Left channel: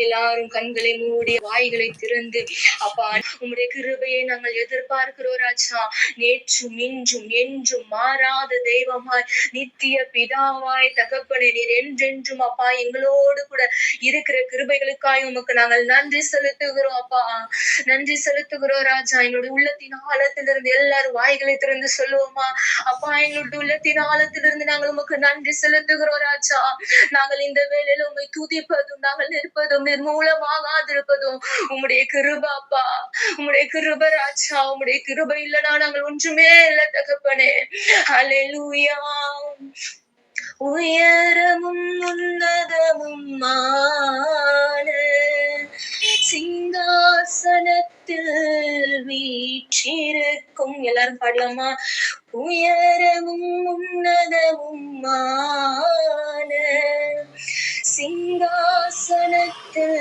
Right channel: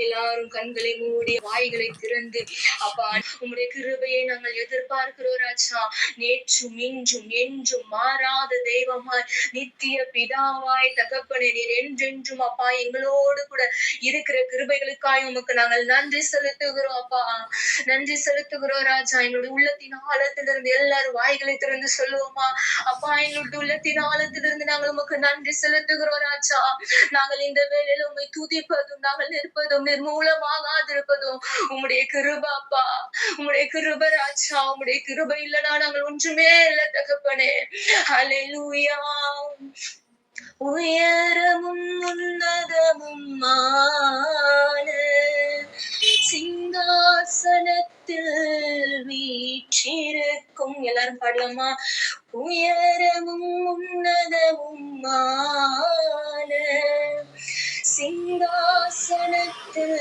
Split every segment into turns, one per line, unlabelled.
எல்லாரும் கண்களை மூடி வாய்களை திறந்து அப்பா உம்முடைய கிருபையை நாங்கள் எதிர்பார்க்கிறோம் ராஜா. நேற்றும் இன்றும் என்றும் மாறாத தெய்வமாய் நித்திய பிதாவாய் தகப்பனே நீர் என்றென்றும் அப்பா எங்களோடு கூட இருக்கிற கிருபைகளுக்காய் உமக்கு நாங்கள் நன்றி செலுத்துகிறோம் அப்பா. நன்றி செலுத்துகிறோம் ராஜா. எங்களுடைய உள்ளத்தின் ஆழத்திலிருந்து எல்லாரும் வாய்களை திறந்து சொல்லுவோமா? அப்பா எங்களுடைய உள்ளத்தின் ஆழத்திலிருந்து நாங்கள் உமக்கு நன்றி செலுத்துகிறோம் ராஜா. நாங்கள் இந்த வேலையில உண்மை துதிப்பதும் நாங்கள் நிற்பதும் நிர்மூலமாகாதிருப்பதும் உம்முடைய கிருபாப்பா உம்முடைய கிருப ராஜா உம்முடைய கிருப இல்லைனா நாங்கள் ஒன்றுமே இல்லை தகப்பனே. ஹalleluya உயரமும் உன்னதமும் சிங்காசனத்தில் வீற்றிருக்கும். எல்லாரும் பாடலாமா உயரமும் உன்னதமும் சிங்காசனத்தில்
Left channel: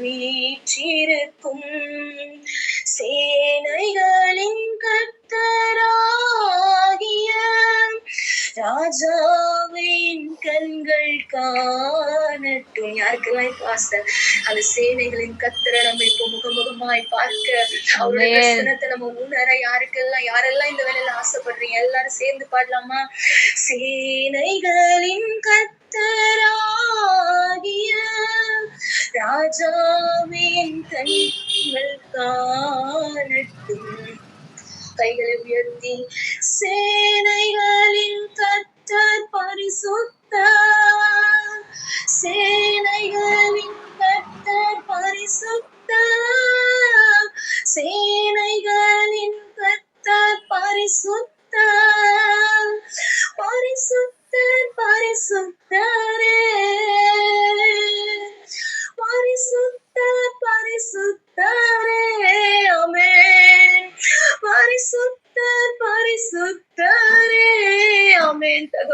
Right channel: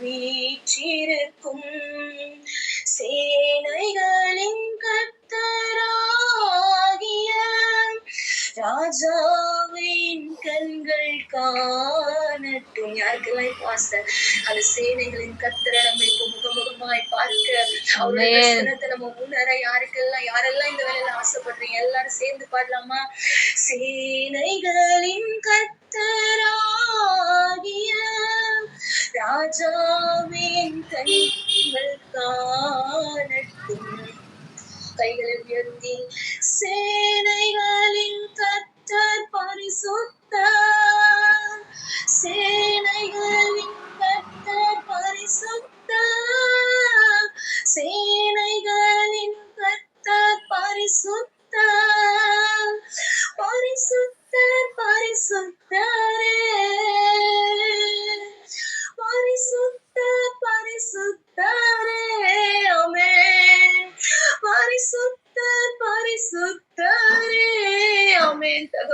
வீற்றிருக்கும் சேனைகளின் கர்த்தராகிய ராஜாவின் கண்கள் காணட்டும். யாருக்கெல்லாம் ஆசை அந்த சேனைகளின் கத்தரை நம்ம இப்போ முகமுகமாய் பார்க்க அவருடைய. தரிசனத்தை நம்ம உணர யாருக்கெல்லாம் யாரெல்லாம் இந்த வேலையில ஆசைப்படுறீங்க? எல்லாரும் சேர்ந்து பாடலாமா? சேனைகளின் கத்தராகிய ராஜாவின் கண்கள் காணட்டும். கைகள் உயர்த்தி சேனைகளின் கர்த்தர் பரிசுத்த சேனைகளின்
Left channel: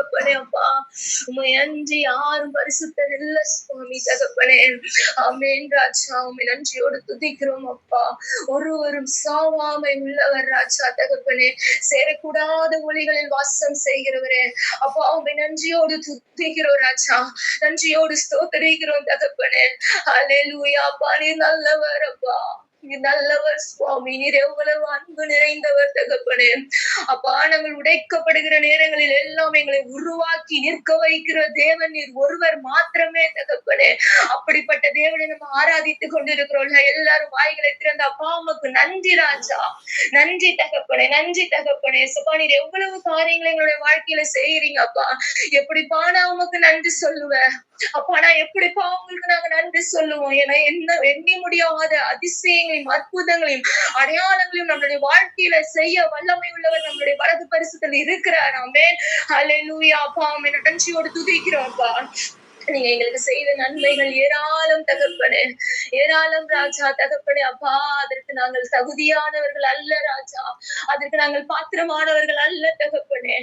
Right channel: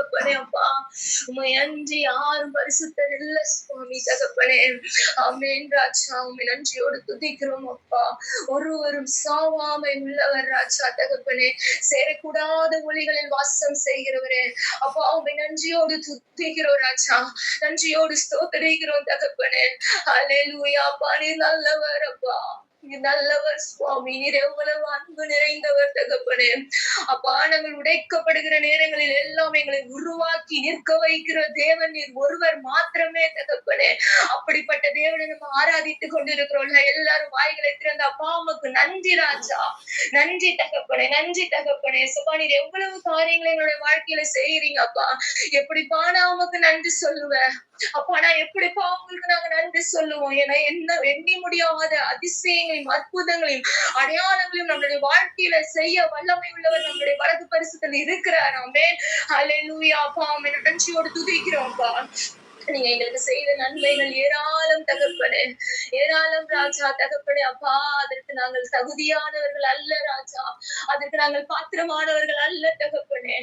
தகப்பனே அப்பா உமை அன்றி யாரும் பரிசுத்தர் இல்ல சுவாமி தகப்பனே. ஆமென் ராஜா. உமை நன்றியோடு துதிக்கிறோம் அப்பா. ஒருவரும் சாவாமை உள்ளவர் ராஜா தகப்பனே. சேரக்கூடாத ஒளிகளில் வாசம் செய்கிறவரே. அப்பா உமை நன்றியோடு துதிக்கிறோம் ராஜா. நன்றியோடு ஸ்தோத்தரிக்கிறோம் தகப்பனே. ஹalleluya. அப்பா நீர் நல்லவர் அப்பா. நல்லவர் சுவாமி. நீர் எவ்வளவு அன்பு நிறைந்தவர் தகப்பனே. அப்பா நாங்கள் உடைக்கப்படுகிற நேரங்களில் எல்லாம் எங்களை உருவாக்கி நிற்க வைக்கிற தேவன் நீர் ஒருவர் மாத்திரமே தகப்பனே. அப்படிப்பட்ட தேவனை நம்ம ஆராதித்துக் கொண்டிருக்கிறோம். எல்லாரும் வாய்களை திறந்த அப்பா அம்மாக்கு நன்றி ராஜா. நன்றி தகப்பனே நன்றி தகப்பனே. சுபா நீர் எவ்வளவு காரியங்களை எங்களுடைய வாழ்க்கையில செய்யறீங்க அப்பா. எப்படிப்பா நான் உமக்கு நன்றி சொல்லுவேன் அப்பா நான் எப்படிப்பா உங்களுக்கு நாங்க நன்றி சொல்லுவோம்? ஏன்னா என்ன எண்ணி முடியாத அதிசயங்களையும் அற்புதங்களையும் அடையாளங்களையும் நம்மளுடைய வாழ்க்கையில செய்ய வல்லமை உள்ளவர் நம்மளுடைய வலது பரிசுத்தில் இருக்கிறார். ஆமே லூயா அப்பா. உம்மை நன்றியோடு துதிக்கிறோம்ப்பா நீங்க எங்களுக்கு செய்த நன்மைகள் ஏராளம் தகப்பனே ஏராளம் ராஜா தகப்பனே அப்பா அதற்கு நாங்கள் தகுதியானவர்கள் அல்ல ராஜா. அதற்கு நாங்கள் பாத்திரமானவர்கள் அல்ல தகப்பனே.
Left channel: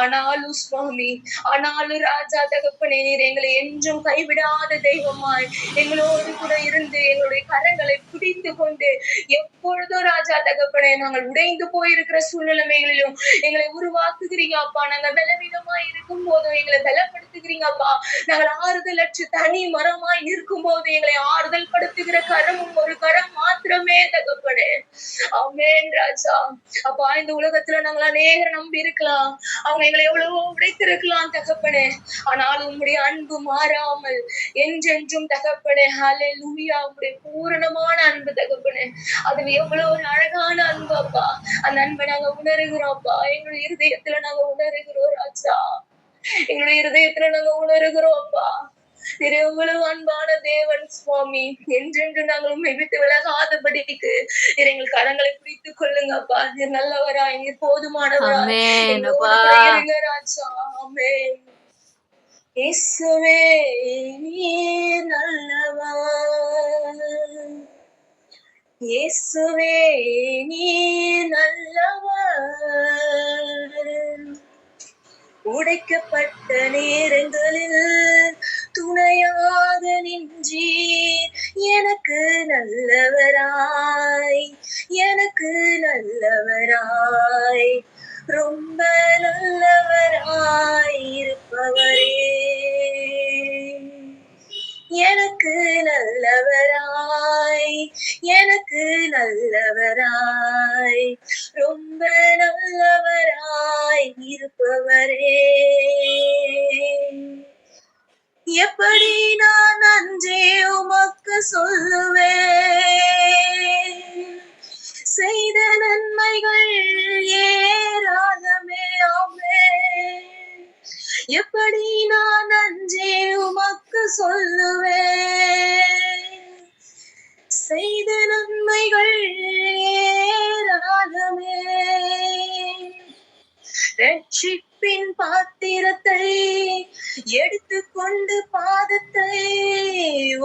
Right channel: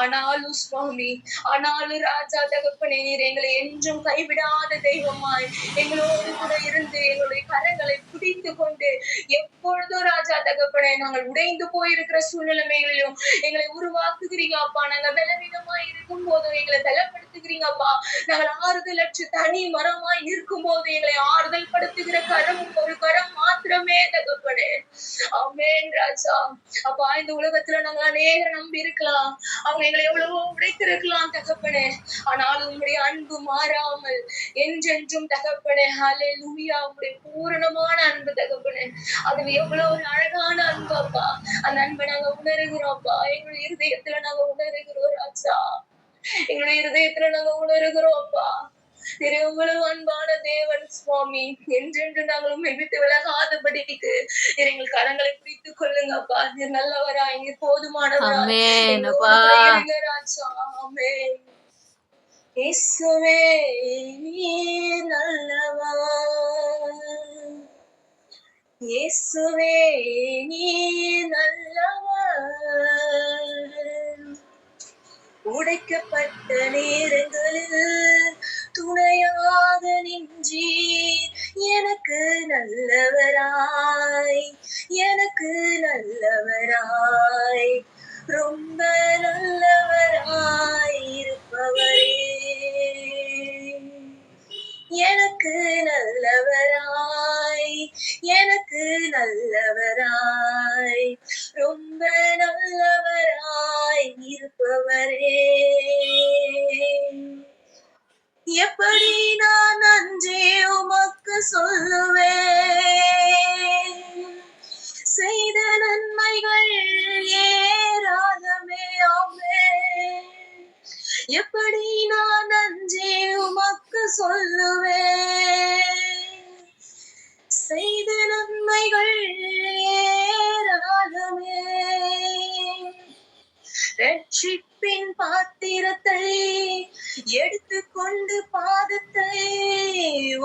ஆனாலும் சுவாமி ஆனாலும் ராஜா தகப்பனே நீர் எங்களை என்றும் கைவிடாத தெய்வமாய் எங்களோடு கூட இருந்து எங்களுடைய கரங்களை பிடித்து கொண்டு எப்பொழுதும் ராஜா தகப்பனே நாங்கள் உடைந்து போயிருக்கிற சூழ்நிலைமைகளிலும் எங்களை உருவாக்குகிறீங்க அப்பா. நாங்க பலவீனமாய் இருக்கும் போதும் எங்களை பலப்படுத்துகிறீங்க அப்பா. நாங்கள் ஆறுதல் அற்று தனி மரமாய் இருக்கும் போது எங்களை ஆறுதல் படுத்துகிற கரமும் ஒரு கரம் மாத்திரமே தகப்பனே. அமேன் ராஜா. அப்பா இந்த உலகத்துல நாங்கள் அநேகர் நம்பி இருக்கலாம். அவங்க எங்களை எவ்வளவோ உடைத்திருக்கலாம் தகப்பனே. ஆனாலும் உங்களுடைய அன்பு மாறாமல் என்றென்றும் தகப்பனே ஹலே லூயா உங்களுடைய பூரணமான அன்பு தகப்பனே. அது எவ்வளவு ஒரு அழகான அன்பு அப்பா. அந்த அன்பை நாங்க உணர்கிறோம் அப்பா. எங்களுடைய இருதயத்துல நாங்க உணர்கிறோம் ராஜா. எங்களுடைய இருதயத்துல நாங்க உணர்கிறோம் அப்பா. திரு எவ்வளவு அன்பான தேவன் சுவாமி. என்றென்று நாங்கள் உண்மை விட்டு விலகாதபடிக்கு எங்கள் கரங்களை பிடித்துக் கொள்ளுங்க அப்பா. நீர் நல்லவரா நீர் போதுமானவரா. ராஜா ஆமென். இயேசுவே நீர் நல்லவர் இயேசுவே நீர் நல்லவர் உடைக்கப்பட்ட நேரங்களில் துணையாக நின்றீர் எனக்கு நல்லவராய் எனக்கு நல்லவராய் ரொம்ப நல்லவராய் இருப்பவரே. எனக்கு நல்லவராய் எனக்கு நல்லவராய் ரொம்ப நல்லவராய் இருப்பவரே. எப்படி நான் நன்றி உமக்கு சொல்லுவேன்? செய்த நன்மைகள் ஏராளமே ஆமே. எப்படி நான் நன்றி உமக்கு சொல்லுவேன்? செய்த நன்மைகள் ஏராளமே ரட்சிப்பின் பாத்திரத்தை எடுத்துக்கொண்டு பாதத்தை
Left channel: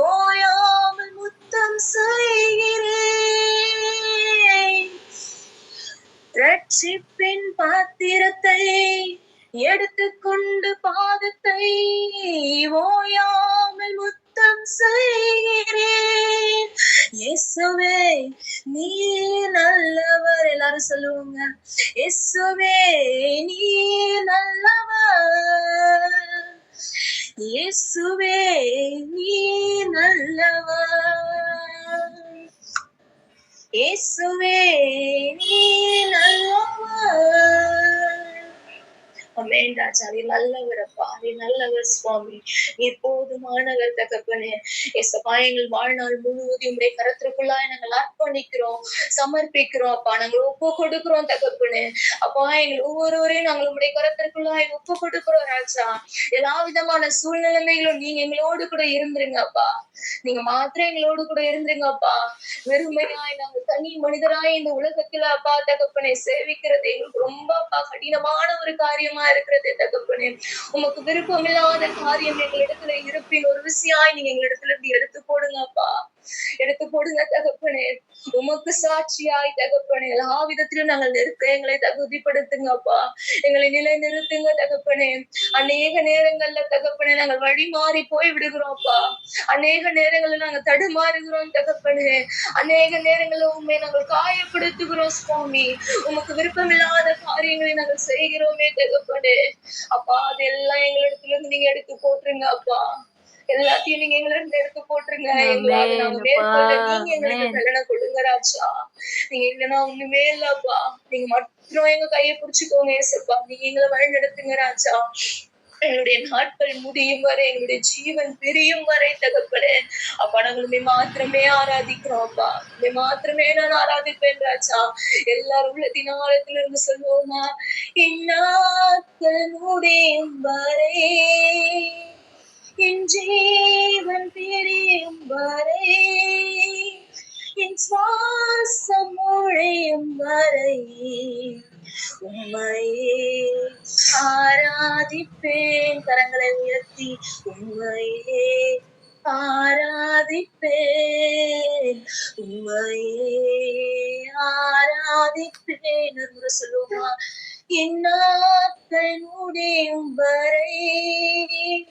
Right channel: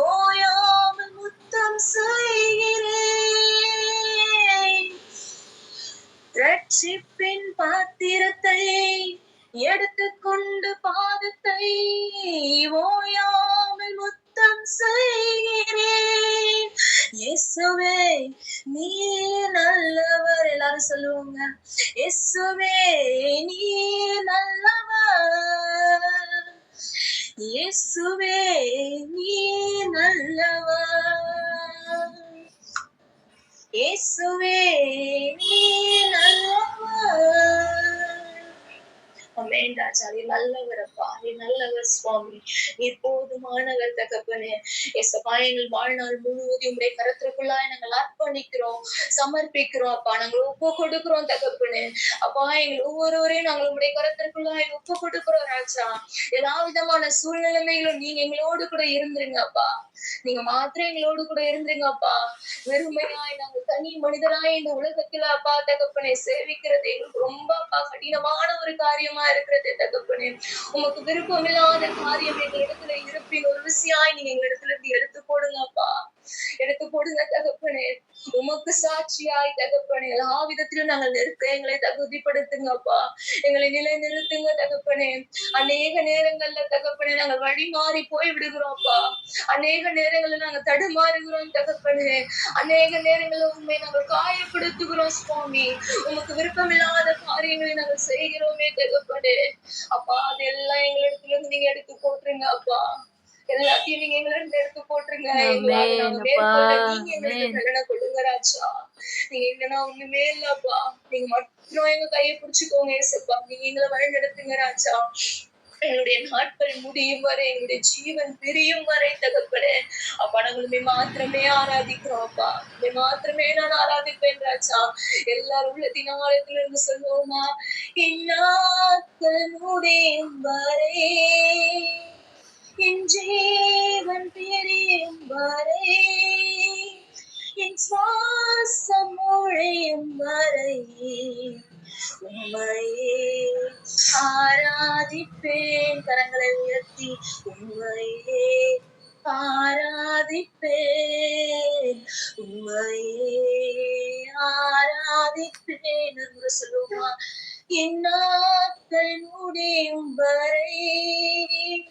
ஓயாமல் முத்தம் செய்கிறேன். ரட்சிப்பின் பாத்திரத்தை எடுத்துக்கொண்டு பாதத்தை ஓயாமல் முத்தம் செய்கிறேன். இயேசுவே நீ நல்லவர். எல்லாரும் சொல்லுவாங்க இயேசுவே நீ நல்லவர். இயேசுவே நீ நல்லவர். இயேசுவே நீ நல்லவர். அமேன் ராஜா நீ நல்லவர் அப்பா நீ நல்லவர் சுவாமி. நீ போதுமானவர் தகப்பனே. ஏசப்பா எங்கள் வாழ்நாள் முழுவதும் உடைய கரத்திற்குள்ளாய் நாங்கள் அர்ப்பணிக்கிறோம் சமர்ப்பிக்கிறோம் அப்பா. நாங்கள் ஒப்பு கொடுக்கிறோம் தகப்பனே. அப்பா எங்கள் ஒவ்வொருவரையும் நாங்கள் உடைய கரத்திற்குள்ளாய் ஒப்பு கொடுக்கிறோம் ராஜா. எல்லா விதமான சூழ்நிலைமைகளும் நீங்க எங்களோடு கூட இருந்துருங்க அப்பா. நீங்க மாத்திரம் எங்களோடு கூட இருந்துருங்க அப்பா. வெறுமையாய் நாங்கள் தனி மனிதராய் இந்த உலகத்துல அப்பா தகப்பனை சேவிக்கிறது எங்களுக்கு ரொம்ப அப்பா கடினமான ஒரு காரியமா இருக்கிறது தகப்பனே. உமக்கு விருப்பமில்லாத காரியம் எங்க இடத்துல இருப்பின் ஒரு விஷயாய் நீங்க எங்க இடத்துல இருந்து எடுத்து போடுங்கப்பா. எடுத்து போடுங்க தகப்பனே. உமக்கு சாட்சியாய் தகப்பனே. எல்லா விதத்திலும் நாங்கள் நிறுத்த எங்களை தகுதிப்படுத்துங்கப்பா. எங்களை நிலை நிறுத்துங்க தகப்பனே. அநேக நேரங்கள்ல தகப்பனே நாங்கள் வழி மாறி போய் விடுகிறோம்ப்பா அநேக நேரங்கள்ல நாங்க தடுமாறுகிறோம் தகப்பனே. அநேக நேரங்கள்ல உண்மை நாங்கள் காயப்படுத்துகிறோம் சுவாமி. உமக்கு விருப்பமில்லாத காரியங்களை நாங்கள் செய்கிறோமே தகப்பனே. அப்பா அதெல்லாம் எங்களிடத்துல இருந்து நீங்க எடுத்து போட்டுருங்க அப்பா. எல்லாத்தையும் நீங்க எங்களை எடுத்து போட்டுருங்க. நாங்க மேற்கொள்ள நீங்க எங்களுக்கு கல்யாணம் கொடுங்க ராஜா நீங்க இல்லைன்னா ஒண்ணுமே இல்லப்பா. நீங்க மட்டும் எங்க கையை பிடிச்சுக்கோங்க ஏசப்பா. நீங்க எங்களை வழி நடத்துங்க ராஜா எங்களுடைய நாட்கள் முடியும் வரை எங்களுடைய ஜீவன் பிரியும் வரை தகப்பனே. அப்பா நாங்களுமே மாத்திரமே ஆராதிக்கிறோம் அப்பா. மாத்திரமே நான் ஆராதிப்பேன் ராஜா. எல்லாரும் உள்ளத்தின் ஆழத்துல இருந்து சொல்லுவோமா? இந்நாட்கள் முடியும் வரை. என் ஜீவன் பிரியும் வரை என் சுவாசம் முழையும் வரை உண்மையே ஆராதிப்பேன். கரங்களை உயர்த்தி உண்மையே ஆராதிப்பேன். உண்மையே ஆராதிப்பேன். என்று சொல்லுமா இந்நாட்கள் முடியும் வரை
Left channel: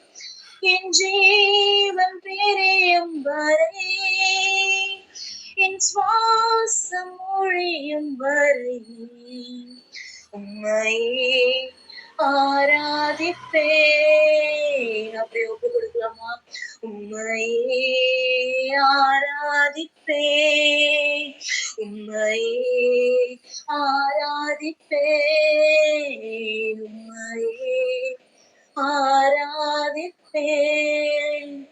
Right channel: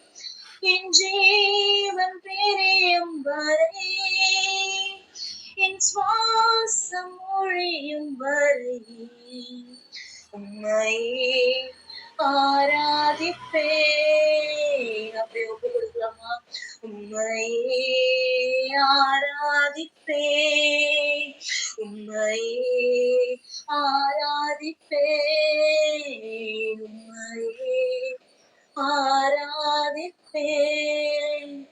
என் ஜீவன் பிரியும் வரை என் சுவாசம் ஒழியும் வரை உண்மையே ஆராதிப்பேன். அப்படியே ஒப்பு கொடுக்கலாமா? உண்மையே ஆராதிப்பேன். உண்மையே ஆராதிப்பேன். உண்மையே ஆராதிப்பேன்.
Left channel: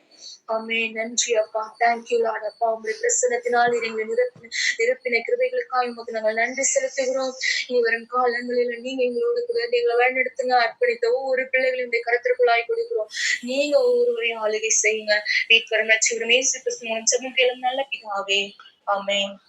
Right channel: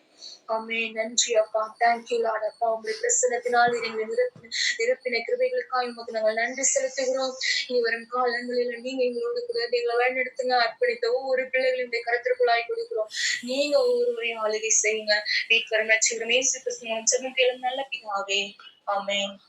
அமே நன்றி அப்பா. தேங்க்யூ லார்ட் அப்பா. உங்களுடைய பிரசனத்தினால் எங்களை நிரப்பின நிரப்பின கிருபைகளுக்காக உமக்கு நாங்கள் நன்றி செலுத்துகிறோம். இனி வரும் காலங்களில் நீங்க எங்களோடு கூட எங்களை வழிநடத்துங்க. அர்ப்பணித்த ஒவ்வொரு பிள்ளைகளுடைய கருத்திற்குள்ளாய் கொடுக்கிறோம். நீங்க ஒவ்வொருவரையும் ஆளுகை செய்யுங்க. வீட்டு நச்சுகிறோம் ஏசு கிறிஸ்து மூலம் செபம் நல்ல பிதாவே. ஆமென்.